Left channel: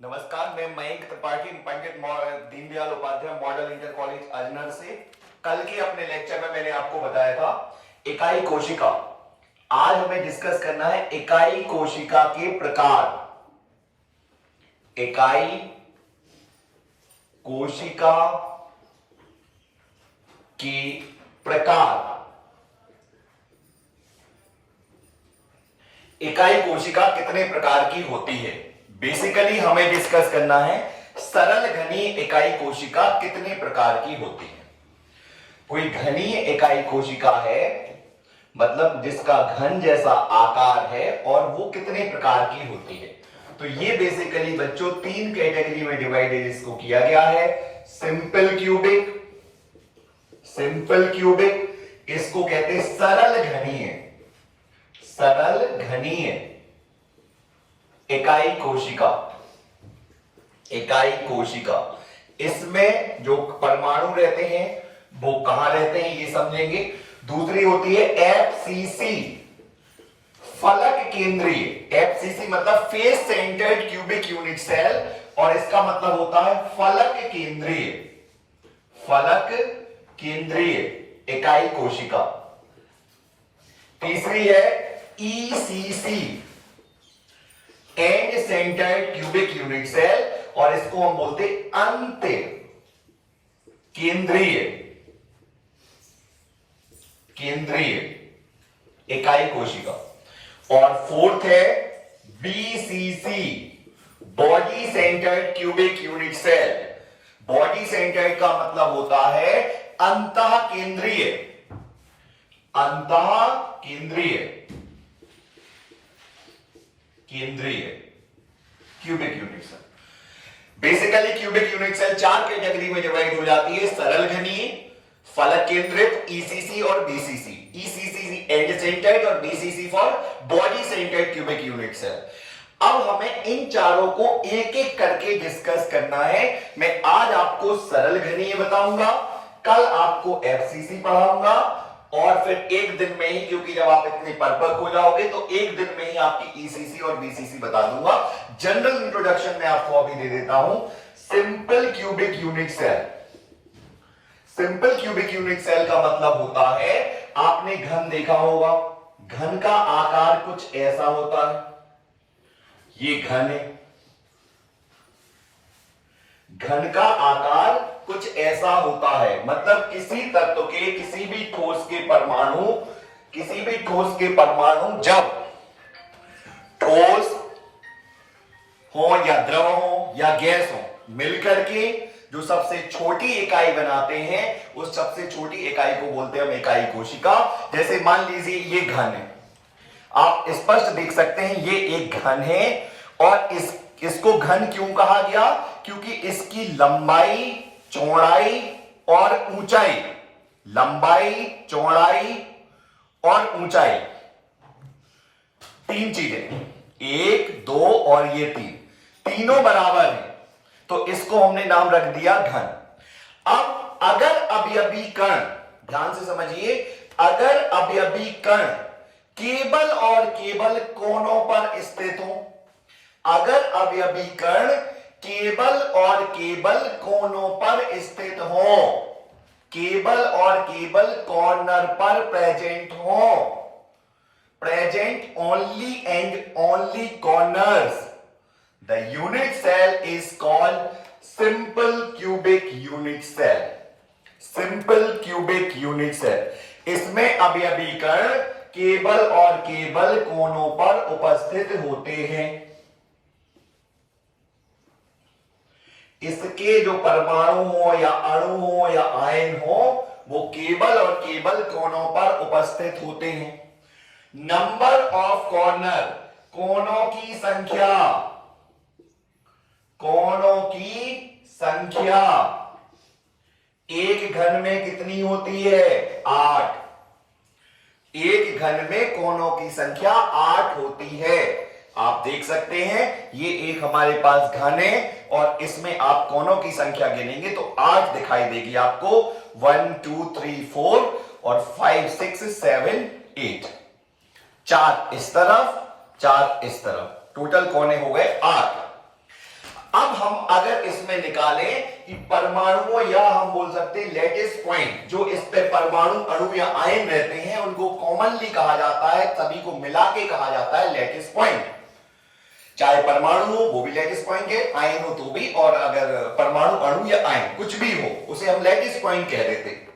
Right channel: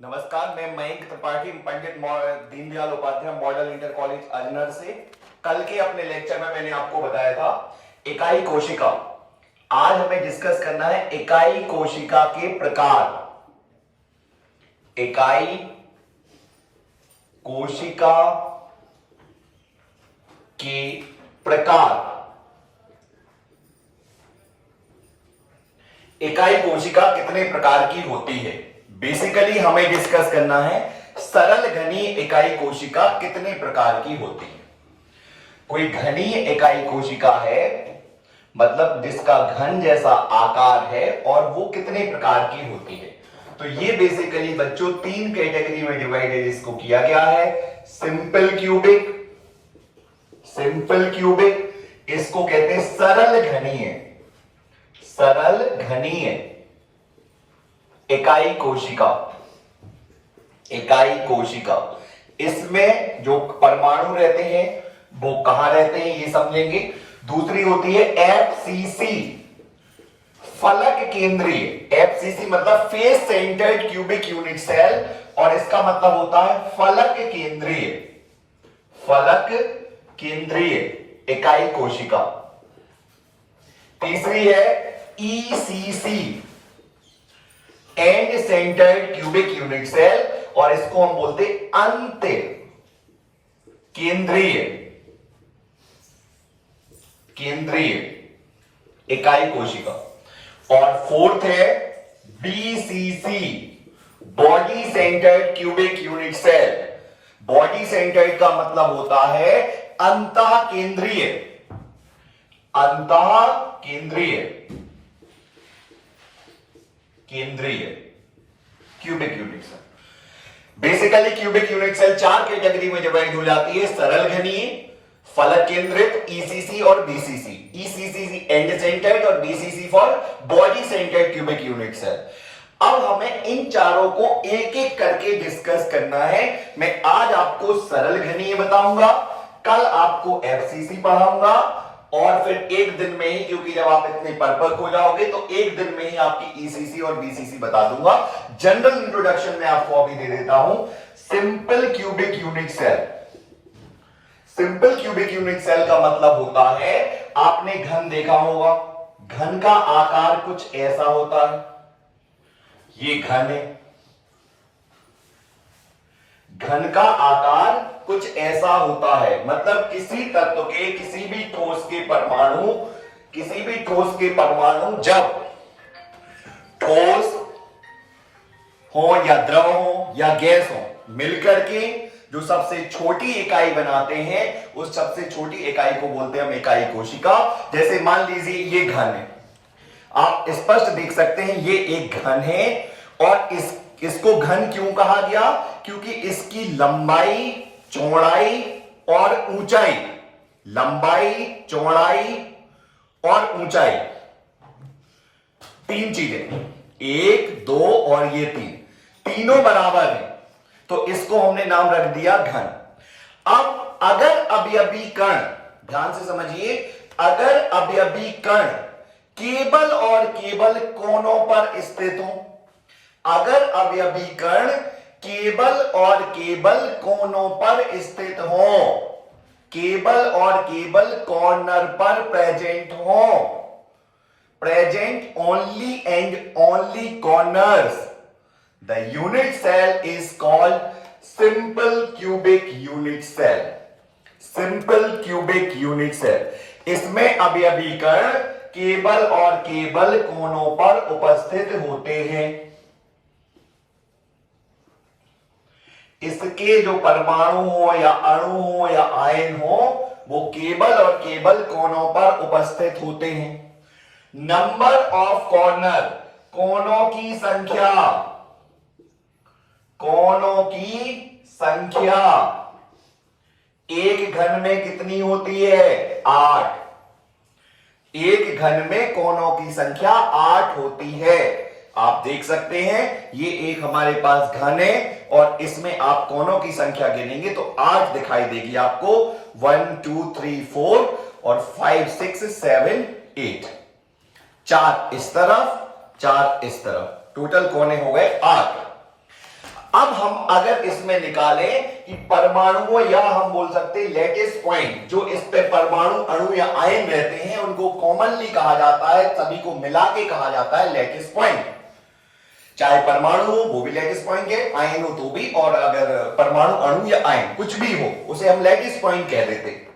नमस्कार, मैं Mayank Tripathi Pandit Deendayal Upadhyay model inter college Ajnar से। कल के अपने लेक्चर में मैंने आपको बताया था इकाई कोशिका। आज हमें डिस्कस करना है इकाई कोशिका के प्रकार। इकाई कोशिका के प्रकार। इकाई कोशिका कितने प्रकार की होती है? बेसिकली हमें डिस्कस करना है सरल घनीय इकाई कोशिका कितने प्रकार की होती है। कोई घनीय इकाई कोशिका है मतलब जिसका घन जैसा आकार है और वो कितने प्रकार की होती है। तो ये बेसिकली बच्चों तीन कैटेगरी में डिवाइडेड इसको किया गया है। सिंपल क्यूबिक, इसको कहते हैं सरल घनीय इकाई कोशिका। इसमें जो परमाणु रहते हैं वो कहां रहते हैं ये समझेंगे। दूसरी होती है एफसीसी, फलक केंद्रीय। एफसीसी मतलब face centred cubic unit cell, और इसका मतलब होता है फलक केंद्रीय इकाई कोशिका। तीसरी है ECC, end centred cubic unit cell, और इसको हम बोलते अंत केंद्रीय इकाई कोशिका। और फोर्थ है BCC, body centred cubic unit cell. Body centred का मतलब होता है अंतः केंद्रीय cubic unit cell. Basically cubic unit cell चार कैटेगरी में डिवाइड हो जाती है: सरल घनीय, फलक केंद्रित, ईसीसी और बीसीसी। ईसीसी एंड सेंटर्ड और BCC for body centred cubic unit cell. अब हमें इन चारों को एक एक करके डिस्कस करना है। मैं आज आपको सरल घनीय बताऊंगा, कल आपको एफसीसी पढ़ाऊंगा, और फिर एक दिन में ही, क्योंकि जब आप इतने परफेक्ट हो जाओगे तो एक दिन में ही आपकी ईसीसी और बीसीसी बता दूंगा। जनरल इंट्रोडक्शन में आपको अभी दे देता हूं। Simple cubic unit cell. Simple cubic unit cell का मतलब होता है, आपने घन देखा होगा, घन का आकार कुछ ऐसा होता है। ये घन है, घन का आकार कुछ ऐसा होता है, मतलब किसी तत्व के किसी भी ठोस के परमाणु जब ठोस हो या द्रव हो या गैस हो, मिलकर के जो सबसे छोटी इकाई बनाते हैं, उस सबसे छोटी इकाई को बोलते हैं हम इकाई कोशिका। जैसे मान लीजिए ये घन है, आप स्पष्ट देख सकते हैं ये एक घन है, और इसको घन क्यों कहा गया? क्योंकि इसकी लंबाई, चौड़ाई और ऊंचाई, तीन चीजें, एक, दो और ये तीनों बराबर हैं, तो इसको हमने नाम रख दिया घन। अब अगर अवयवी कण, ध्यान से समझिए, अगर अवयवी कण केवल और केवल कोनों पर स्थित हो, अगर अवयवी कण केवल और केवल कोनों पर स्थित हो, केवल और केवल कॉर्नर पर प्रेजेंट हो, present only and only corners, the unit cell is called simple cubic unit cell. Simple cubic unit cell, इसमें अवयवी कण केवल और केवल कोनों पर उपस्थित होते हैं। इसके जो परमाणु हो या अणु हो या आयन हो, वो केवल और केवल कोनों पर उपस्थित होते हैं। नंबर ऑफ कॉर्नर, कोनों की संख्या एक घन में कितनी होती है? 8। एक घन में कोनों की संख्या 8 होती है। आप देख सकते हैं ये एक हमारे पास घन है, और इसमें आप कोनों की संख्या गिनेंगे तो 8 दिखाई देगी आपको। 1 2 3 4 और 5 6 7 8, 4 इस तरफ, 4 इस तरफ, टोटल कोने हो गए 8। अब हम अगर इसमें निकालें कि परमाणु या हम बोल सकते हैं लैटिस पॉइंट, जो इस पे परमाणु अणु या आयन रहते हैं उनको कॉमनली कहा जाता है, सभी को मिला के कहा जाता है लैटिस पॉइंट। चाहे परमाणु हो वो भी लैटिस पॉइंट है, आयन हो तो भी, और अगर परमाणु अणु या आयन कुछ भी हो उसे हम लैटिस पॉइंट कह देते हैं।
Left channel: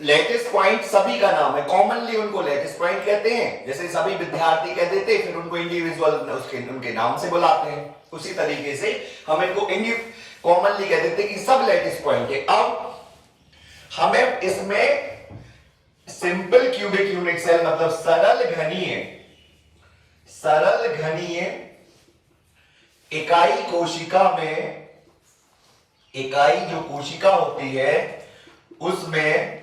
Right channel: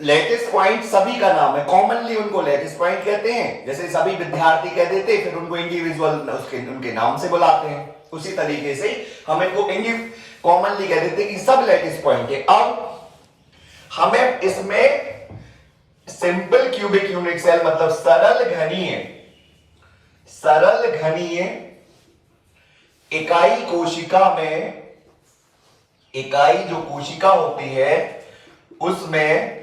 लैटिस पॉइंट सभी का नाम है, कॉमनली उनको लैटिस पॉइंट कहते हैं। जैसे सभी विद्यार्थी कह देते हैं, फिर उनको इंडिविजुअल उनके नाम से बुलाते हैं, उसी तरीके से हम इनको कॉमनली कह देते हैं कि सब लैटिस पॉइंट है। अब हमें इसमें सिंपल क्यूबिक यूनिट सेल मतलब सरल घनीय इकाई कोशिका में, इकाई जो कोशिका होती है उसमें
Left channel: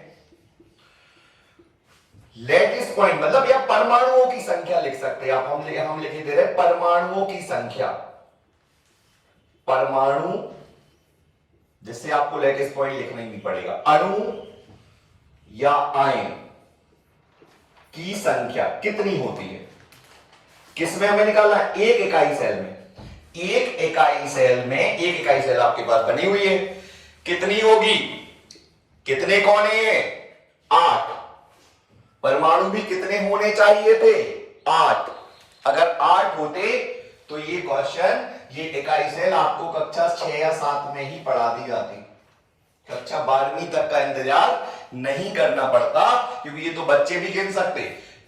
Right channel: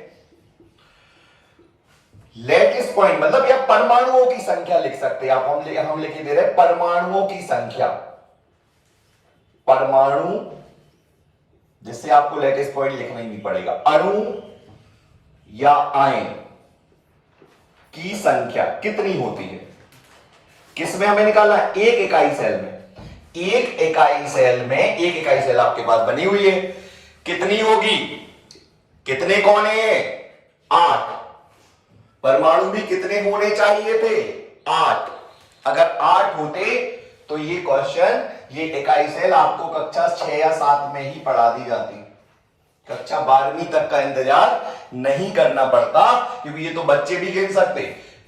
लैटिस पॉइंट मतलब या परमाणुओं की संख्या लिख सकते हैं आप। हम लिख दे रहे हैं परमाणुओं की संख्या, परमाणु, जिससे आपको लैटिस पॉइंट लिखना ही नहीं पड़ेगा। अणु या आयन की संख्या कितनी होती है, किसमें हमें निकालना है? एक इकाई सेल में। एक इकाई सेल में, एक इकाई सेल आपके पास बनी हुई है, कितनी होगी? कितने कोने हैं? 8। परमाणु भी कितने होने चाहिए थे? 8। अगर 8 होते तो ये क्वेश्चन, ये इकाई सेल आपको कक्षा 6 या 7 में ही पढ़ा दी जाती, कक्षा 12वीं तक का इंतजार नहीं करना पड़ता, क्योंकि ये तो बच्चे भी गिन सकते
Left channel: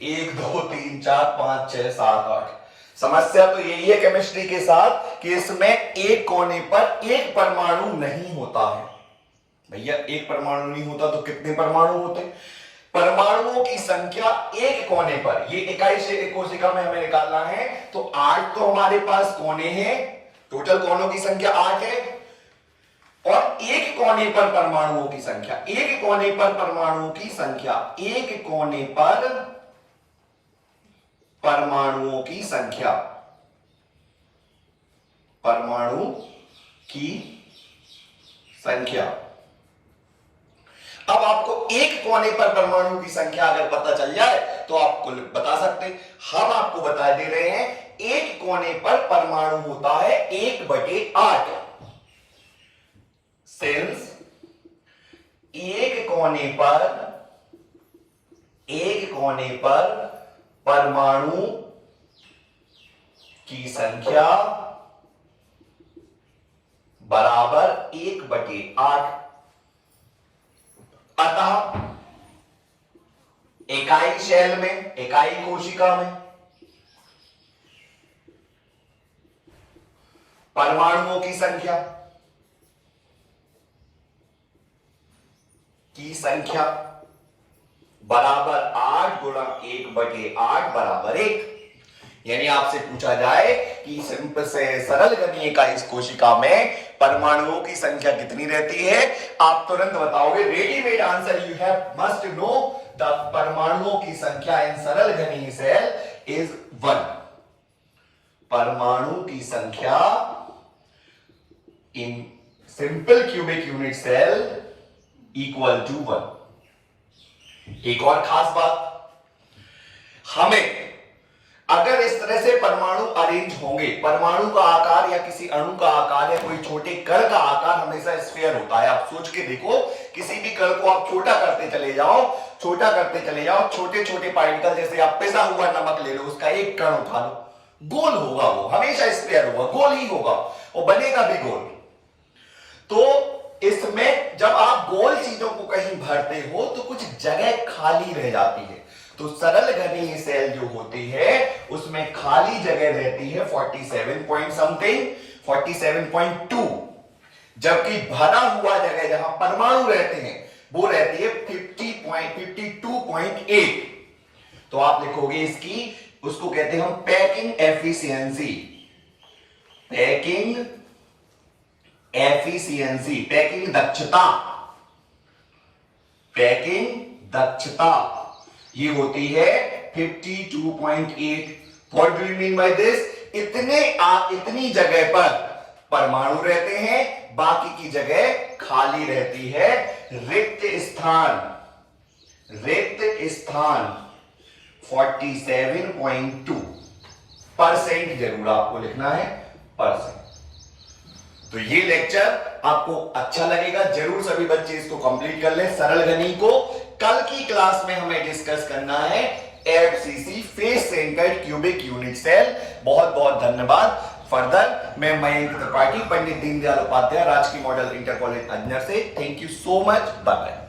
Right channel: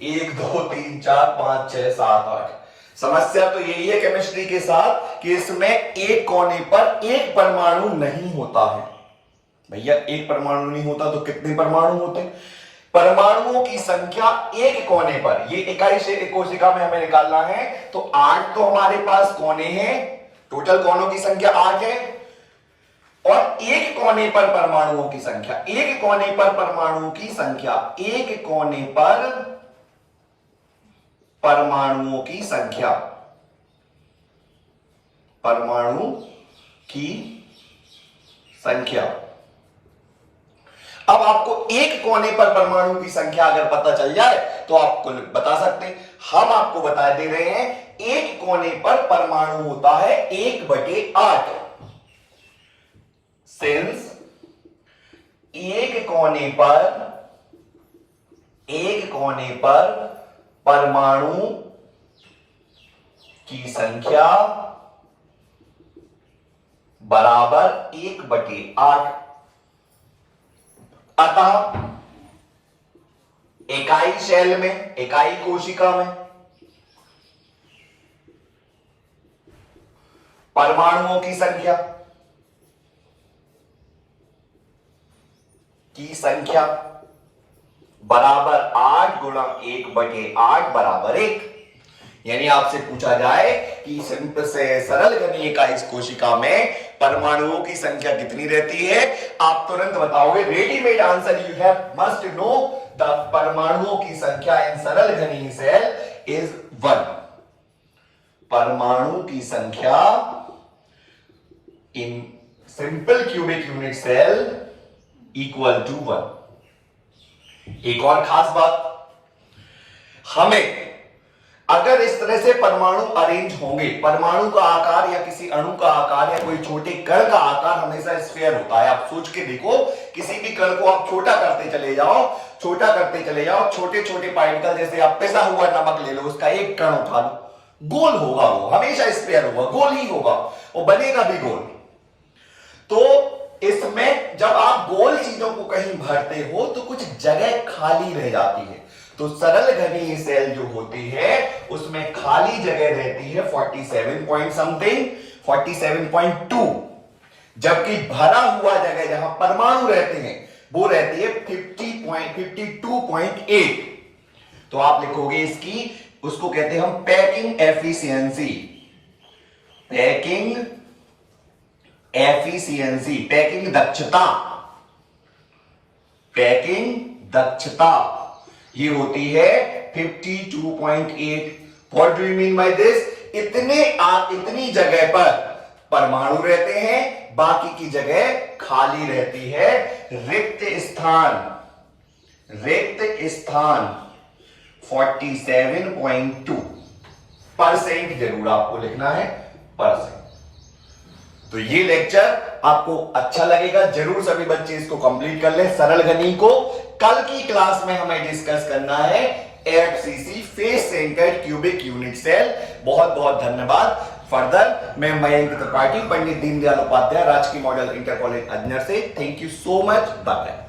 1 2 3 4 5 6 7 8। समस्या तो यही है केमिस्ट्री के साथ कि इसमें एक कोने पर एक परमाणु नहीं होता है। भैया एक परमाणु नहीं होता तो कितने परमाणु होते? परमाणुओं की संख्या एक कोने पर, ये इकाई से कोशिका में हमें निकालना है, तो 8 तो हमारे पास कोने हैं, टोटल कोनों की संख्या 8 है, और एक कोने पर परमाणुओं की संख्या, एक कोने पर परमाणुओं की संख्या, एक कोने पर परमाणुओं की संख्या, परमाणु की संख्या। अब आपको एक कोने पर परमाणु की संख्या अगर पता चल जाए तो आपको बता सकते हैं। हम आपको बता दे रहे हैं एक कोने पर परमाणु होता है 1/8। सिंस एक कोने पर परमाणु की संख्या बराबर 1/8, अतः इकाई सेल में, इकाई कोशिका में परमाणुओं की संख्या बराबर 8 गुणा 1/8 बराबर 1। यानी आपसे पूछा जाए कि सिंपल से सरल घनीय इकाई कोशिका में परमाणुओं की संख्या कितनी रहती है, आप तुरंत बताओगे। Readymade answer you have must know the परमाणुओं की संख्या इन सरल घनीय सेल इज 1। परमाणु की संख्या इन simple cubic unit cell equal to 1। एक और खास बात, हमें अगर इस तरह से परमाणु अरेंज होंगे, परमाणु का आकार या किसी अणु का आकार या कोई छोटे कण का आकार हमेशा स्फीयर होता है। आप सोच के देखो, किसी भी कण को आप छोटा करते चले जाओ, छोटे छोटे पार्टिकल, जैसे आप पिसा हुआ नमक ले लो, उसका एक कण उठा लो, गोल होगा, वो हमेशा स्फीयर होगा, गोल ही होगा, और बनेगा भी गोल। तो इसमें जब आप गोल चीजों को कहीं भरते हो तो कुछ जगह खाली रह जाती है। तो सरल घनीय सेल जो होती है उसमें खाली जगह रहती है 47 पॉइंट समथिंग, 47.2, जबकि भरा हुआ जगह जहां परमाणु रहते हैं वो रहती है 52.8। तो आप लिखोगे इसकी, उसको कहते हैं हम packing efficiency, packing efficiency, packing दक्षता, पैकिंग दक्षता ये होती है 52.8। What do you mean by this? इतनी जगह पर परमाणु रहते हैं, बाकी की जगह खाली रहती है, रिक्त स्थान 47.2%, जरूर आपको लिखना है परसेंट। तो ये लेक्चर आपको अच्छा लगेगा, जरूर सभी बच्चे इसको कंप्लीट कर ले। सरल घनी को कल की क्लास में हमें डिस्कस करना है FCC, face centred cubic unit cell. बहुत बहुत धन्यवाद। फर्दर मैं मयंक त्रिपाठी, पंडित दीनदयाल उपाध्याय, राजकीय मॉडल इंटर कॉलेज अजनर से। Thank you so much. Bye bye.